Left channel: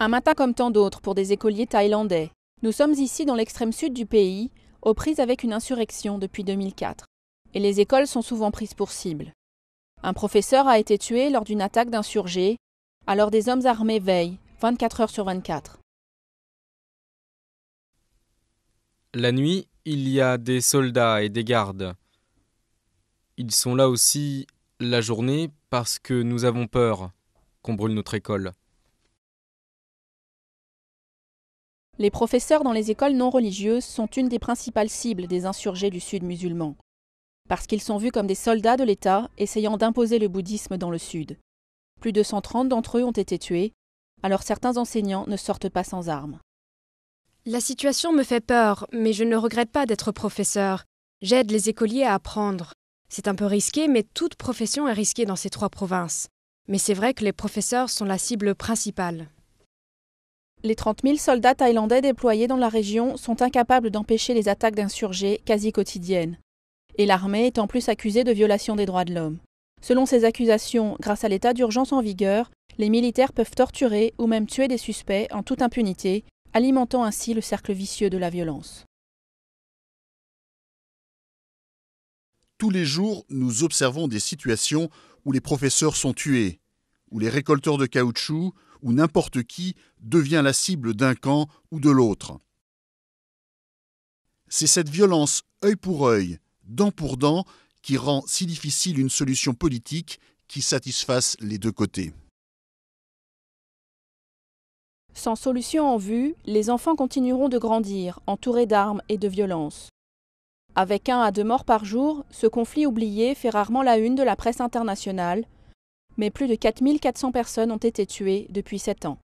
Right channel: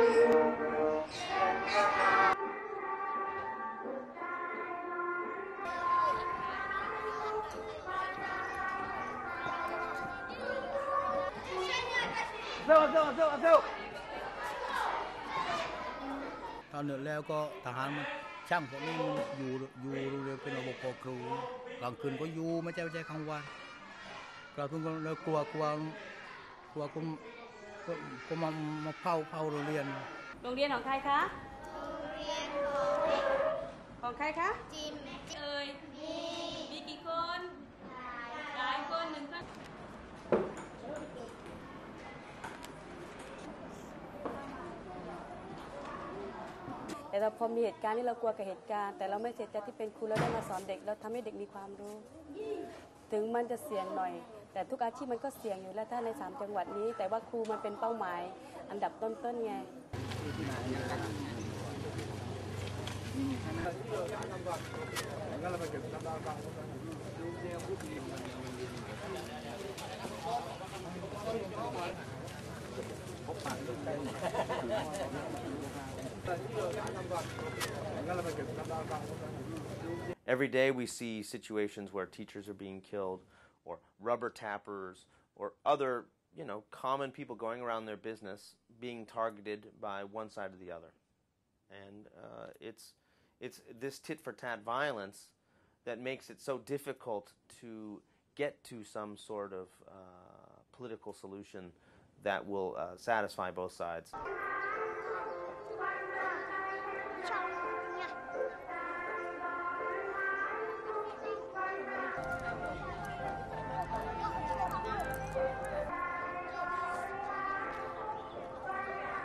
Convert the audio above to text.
Un matin comme tant d'autres pour des écoliers thaïlandais. Nous sommes ici dans l'extrême sud du pays, aux prises avec une insurrection depuis 2004. Et les écoles sont souvent prises pour cible. Un professeur a été tué lors d'une attaque d'insurgés, alors des hommes armés veillent, 24 heures sur 24. La nuit, il y a des soldats et des gardes. Ils sont là aussi la journée parce que nous avons peur qu'on brûle notre école. Les professeurs dans les écoles non religieuses sont une des principales cibles des insurgés du Sud musulman, parce qu'ils sont vus comme des soldats de l'État essayant d'imposer le bouddhisme dans le Sud. Plus de 130 d'entre eux ont été tués, alors certains enseignants ne sortent pas sans armes. La situation me fait peur, mais je ne regrette pas d'être professeur. J'aide les écoliers à apprendre. C'est un peu risqué, mais toute profession est risquée dans ces 3 provinces. Mais c'est vrai que les professeurs sont la cible principale. Les 30 000 soldats thaïlandais déployés dans la région sont incapables d'empêcher les attaques d'insurgés quasi quotidiennes. Et l'armée est en plus accusée de violation des droits de l'homme. Selon ces accusations, grâce à l'état d'urgence en vigueur, les militaires peuvent torturer ou même tuer des suspects en toute impunité, alimentant ainsi le cercle vicieux de la violence. Tous les jours, nous observons des situations où les professeurs sont tués, où les récolteurs de caoutchouc, où n'importe qui devient la cible d'un camp ou de l'autre. C'est cette violence œil pour œil, dent pour dent, qui rend si difficile une solution politique qui satisfasse les 2 côtés. Sans solution en vue, les enfants continueront de grandir, entourés d'armes et de violences. Avec 1 à 2 morts par jour, ce conflit oublié fait rarement la une de la presse internationale, mais plus de 4 400 personnes ont été tuées depuis 7 ans.